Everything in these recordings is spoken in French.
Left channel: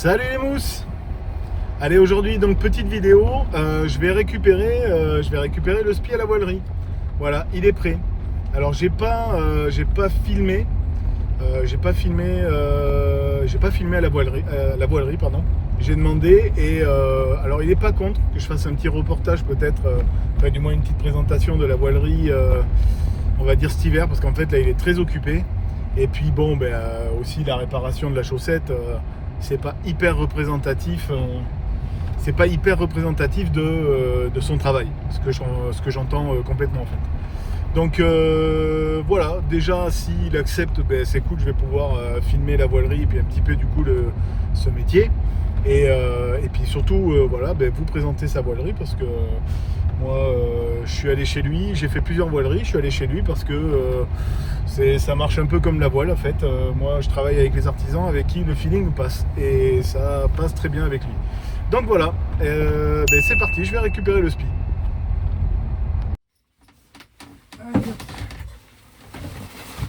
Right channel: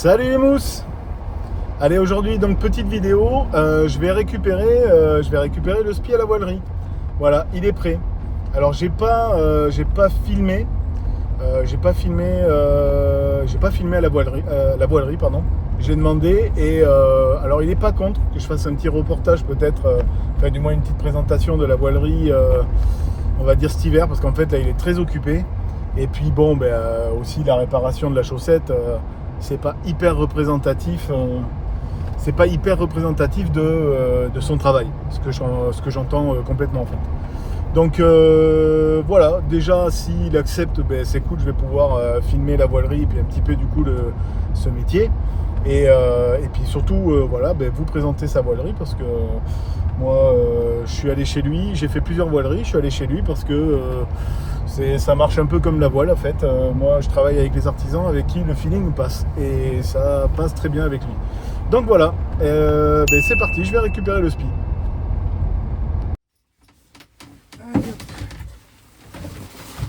Salut les mousses. Allez, aujourd'hui donc petite vidéo, je vais récupérer le spi à la voilerie. Voilà, il est prêt. Alors j'ai pas filmé à la voilerie pardon. J'ai demandé et alors il est pas contre que je fasse un petit reportage peut-être, enfin du moins une petite présentation de la voilerie, on va dire cet hiver, parce qu'en fait là il est très occupé. Et puis bon, aussi la réparation de la chaussette, c'est pas hyper représentatif. C'est pas hyper représentatif de son travail, ce que j'entends complètement en fait. Donc voilà, déjà s'il accepte, c'est cool, je vais pouvoir filmer la voilerie et puis un petit peu du coup ce métier. Et puis surtout, voilà, vous présenter sa voilerie parce que moi je suis allé chez lui, j'ai fait plusieurs voileries, je suis allé chez lui parce que ça marche un peu comme la voile en fait. Moi je travaille avec les artisans avec qui le feeling passe et ça passe très bien avec lui. Donc voilà, c'est parti, je vais récupérer le spi.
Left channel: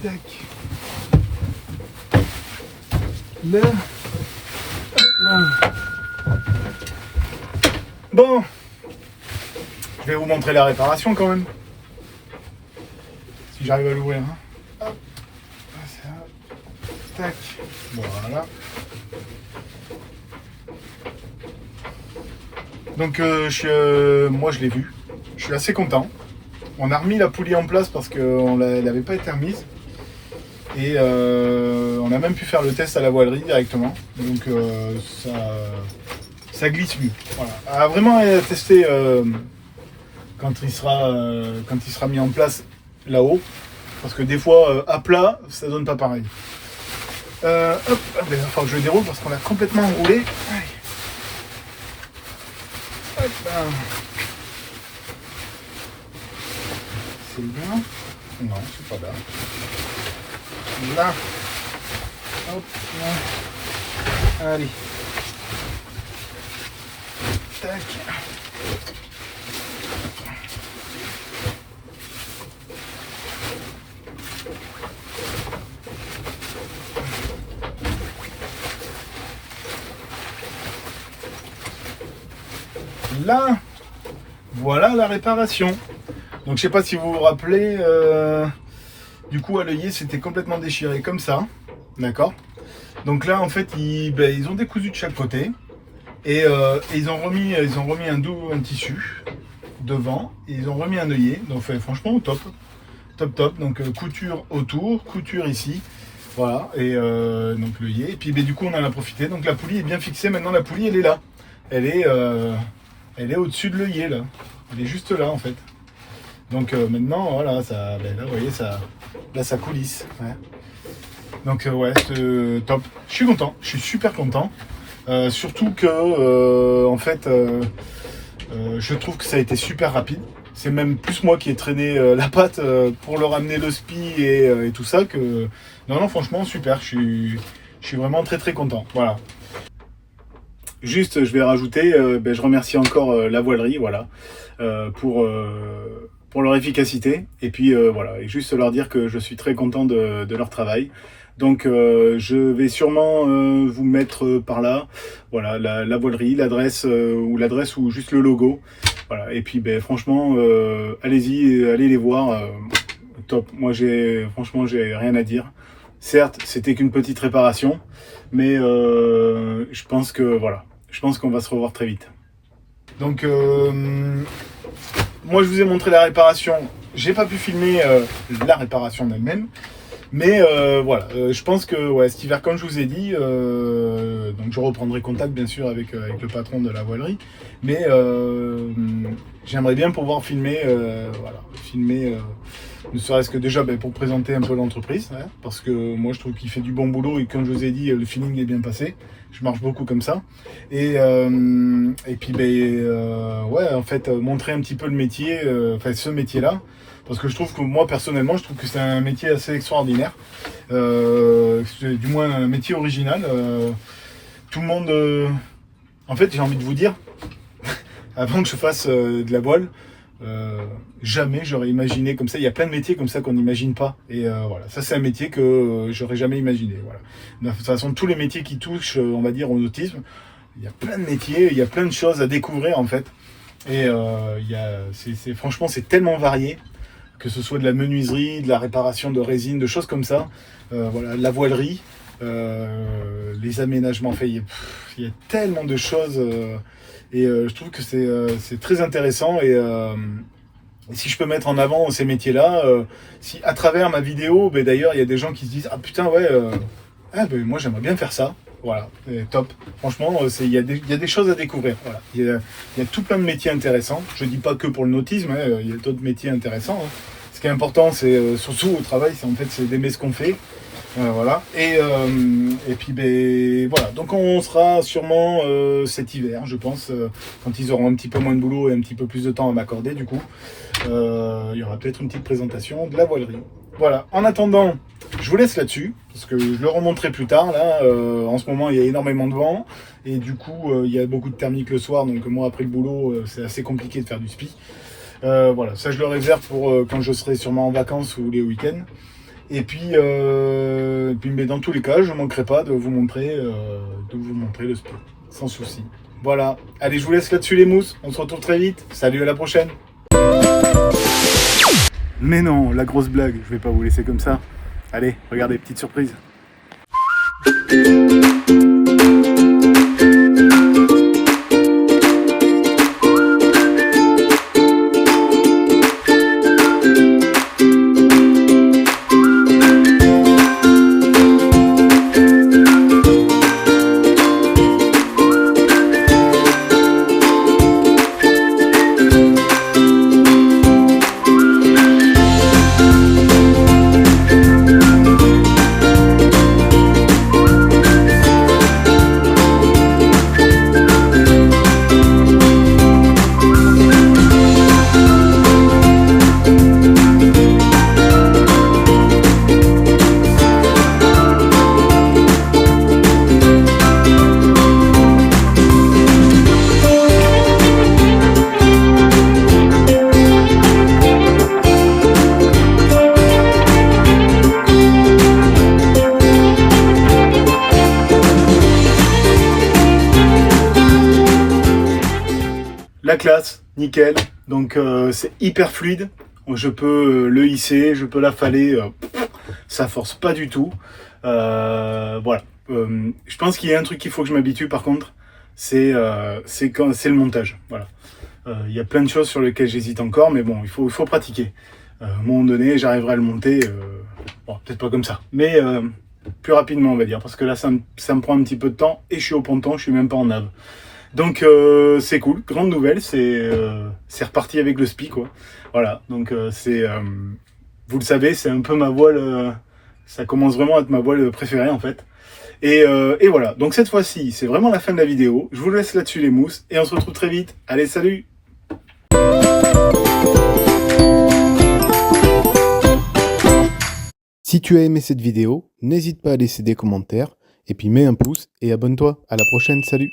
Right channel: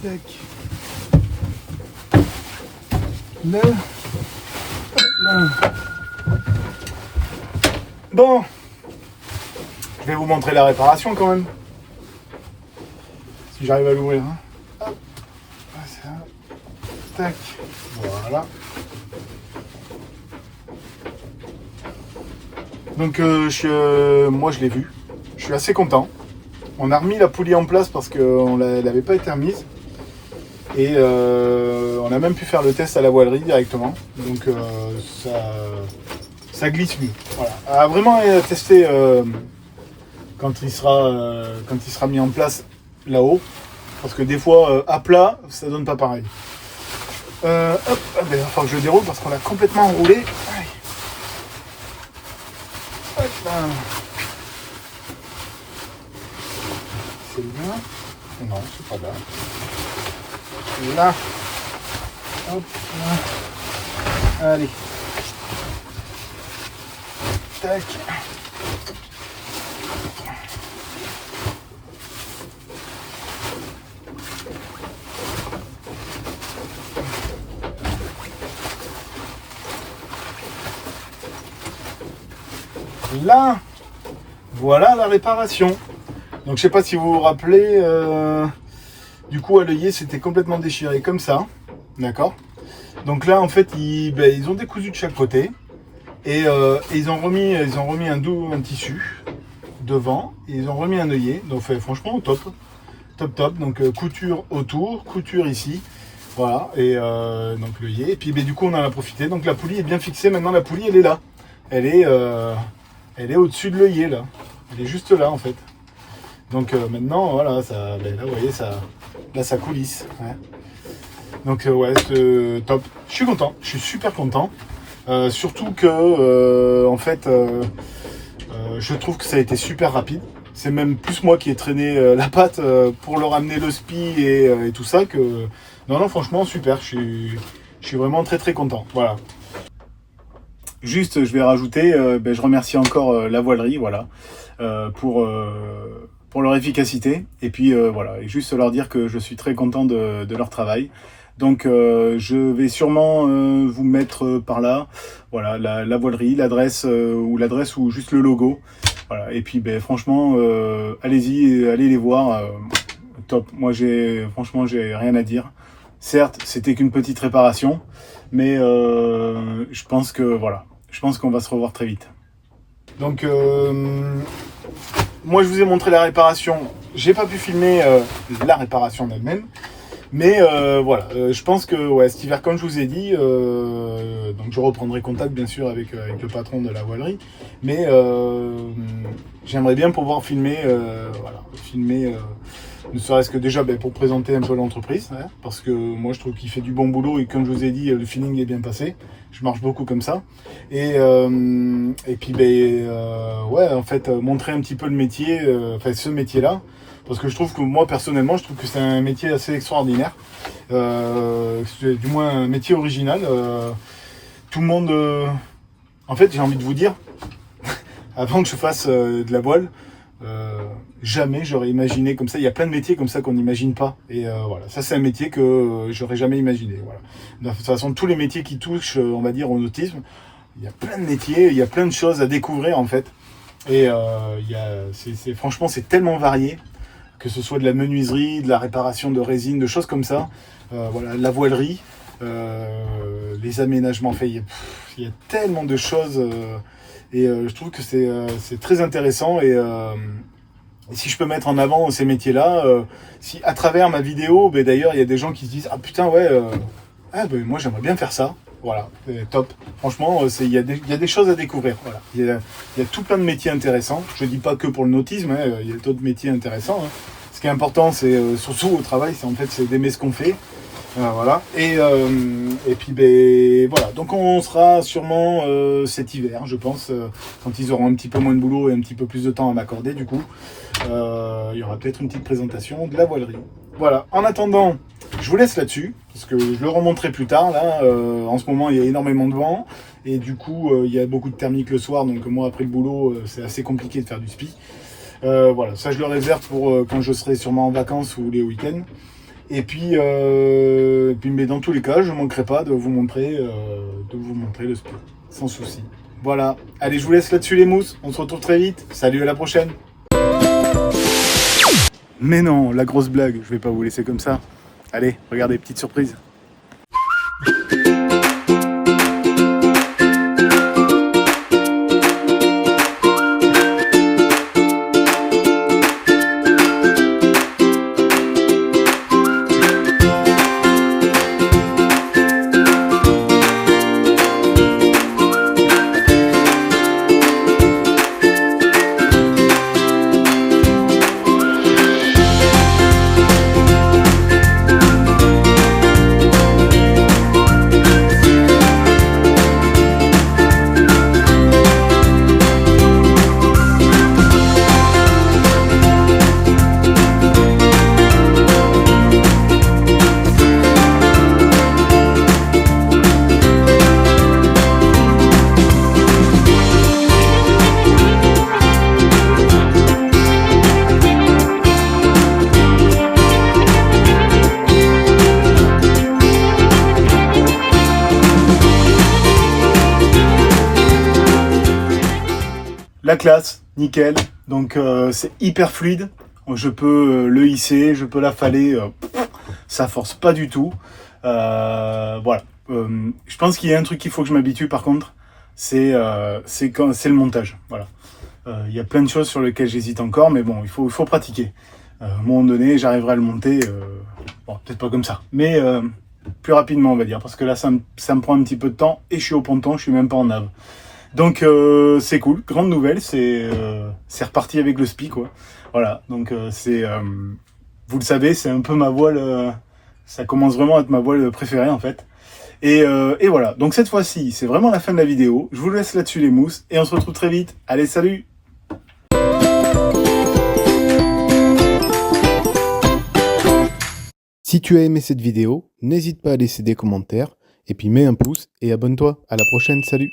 Tac. Là. Là. Bon, je vais vous montrer la réparation quand même. Si j'arrive à l'ouvrir. Hein. Hop. Ah, c'est là. Tac. Voilà. Donc moi je l'ai vu. Je suis assez content. On a remis la poulie en place parce qu'elle n'avait pas été remise. Et on a même pu faire le test à la voilerie directement. Donc ça glisse mieux. Voilà. À vraiment tester quand il sera mis en place là-haut. Parce que des fois à plat, ça donne pas pareil. Hop, il va falloir que je le déroule parce qu'on l'a complètement enroulé. Aïe. Hop là. C'est là. Non, c'est pas là. Là. Hop là. Allez. Tac. Là, voilà la réparation. Donc je sais pas si vous vous rappelez, du coup à l'œillet c'était complètement déchiré comme ça, d'accord. Donc là en fait ils ont décousu de chaque côté et ils ont remis un tissu devant et ils ont remis un œillet. Donc franchement top. Donc couture autour, couture ici, voilà et donc l'œillet. Et puis du coup on en a profité. Donc la poulie est bien fixée. Maintenant la poulie elle est là, elle est au-dessus de l'œillet là, elle est juste là en fait. Donc maintenant, voilà, là, vous voyez, ça coulisse. Ouais. Donc ouais, c'est top. Je suis content, je suis super content. Surtout que, en fait, je trouve que ça a été super rapide. C'est même plus moi qui ai traîné la patte pour leur amener le spi et tout ça que... Non, franchement, super. Je suis vraiment très très content. Voilà. Juste, je vais rajouter, je remercie encore la voilerie, voilà, pour leur efficacité. Et puis voilà, et juste leur dire que je suis très content de leur travail. Donc je vais sûrement vous mettre par là, voilà, la voilerie, l'adresse ou juste le logo. Voilà. Et puis franchement, allez-y, allez les voir, top. Moi franchement j'ai rien à dire. Certes, c'était qu'une petite réparation, mais je pense que voilà, je pense qu'on va se revoir très vite. Donc moi je vous ai montré la réparation, j'ai pas pu filmer la réparation en elle-même, mais voilà, je pense que ouais, cet hiver comme je vous ai dit, donc je reprendrai contact bien sûr avec le patron de la voilerie, mais j'aimerais bien pouvoir filmer, voilà, ne serait-ce que déjà pour présenter un peu l'entreprise, hein, parce que moi je trouve qu'il fait du bon boulot et comme je vous ai dit, le feeling est bien passé. Je marche beaucoup comme ça. Et puis ouais, en fait, montrer un petit peu le métier, enfin ce métier-là, parce que je trouve que moi personnellement, je trouve que c'est un métier assez extraordinaire, du moins un métier original. Tout le monde, en fait, j'ai envie de vous dire, avant que je fasse de la voile, jamais j'aurais imaginé comme ça. Il y a plein de métiers comme ça qu'on n'imagine pas. Et voilà, ça c'est un métier que j'aurais jamais imaginé. Voilà. De toute façon, tous les métiers qui touchent, on va dire, au autisme, il y a plein de métiers, il y a plein de choses à découvrir en fait. Et franchement, c'est tellement varié, que ce soit de la menuiserie, de la réparation de résine, de choses comme ça. Voilà, la voilerie, les aménagements faits. Il y a tellement de choses. Je trouve que c'est très intéressant. Et si je peux mettre en avant ces métiers-là, si à travers ma vidéo, d'ailleurs, il y a des gens qui se disent « Ah putain, ouais, moi j'aimerais bien faire ça ». Voilà, top. Franchement, il y a des choses à découvrir. Voilà. Il y a tout plein de métiers intéressants. Je ne dis pas que pour le nautisme, hein, il y a d'autres métiers intéressants. Hein. Ce qui est important, c'est surtout au travail, c'est d'aimer ce qu'on fait. Voilà. Et puis, voilà. Donc, on sera sûrement cet hiver, je pense, quand ils auront un petit peu moins de boulot et un petit peu plus de temps à m'accorder, du coup. Il y aura peut-être une petite présentation de la voilerie. Voilà. En attendant, je vous laisse là-dessus, parce que je le remonterai plus tard. Là, en ce moment, il y a énormément de vent. Et du coup, il y a beaucoup de thermique le soir. Donc, moi, après le boulot, c'est assez compliqué de faire du spi. Voilà, ça, je le réserve pour quand je serai sûrement en vacances ou les week-ends. Et puis, mais dans tous les cas, je ne manquerai pas de vous montrer le spi, sans souci. Voilà. Allez, je vous laisse là-dessus les mousses. On se retrouve très vite. Salut, à la prochaine. Mais non, la grosse blague, je vais pas vous laisser comme ça. Allez, regardez, petite surprise. La classe, nickel. Donc c'est hyper fluide. Je peux le hisser, je peux l'affaler. Ça force pas du tout. Voilà. Je pense qu'il y a un truc qu'il faut que je m'habitue par contre. C'est le montage. Voilà. Il y a plein de choses sur lesquelles j'hésite encore, mais bon, il faut pratiquer. À un moment donné, j'arriverai à le monter. Bon, peut-être pas comme ça, mais plus rapidement, on va dire. Parce que là, ça me prend un petit peu de temps et je suis au ponton, je suis même pas en nave. Donc c'est cool, grande nouvelle, c'est reparti avec le spi quoi. Voilà, donc vous le savez, c'est un peu ma voile, ça commence vraiment à être ma voile préférée en fait. Et voilà, donc cette fois-ci, c'est vraiment la fin de la vidéo. Je vous laisse là-dessus les mousses et on se retrouve très vite. Allez, salut! Si tu as aimé cette vidéo, n'hésite pas à laisser des commentaires et puis mets un pouce et abonne-toi. À la prochaine, salut!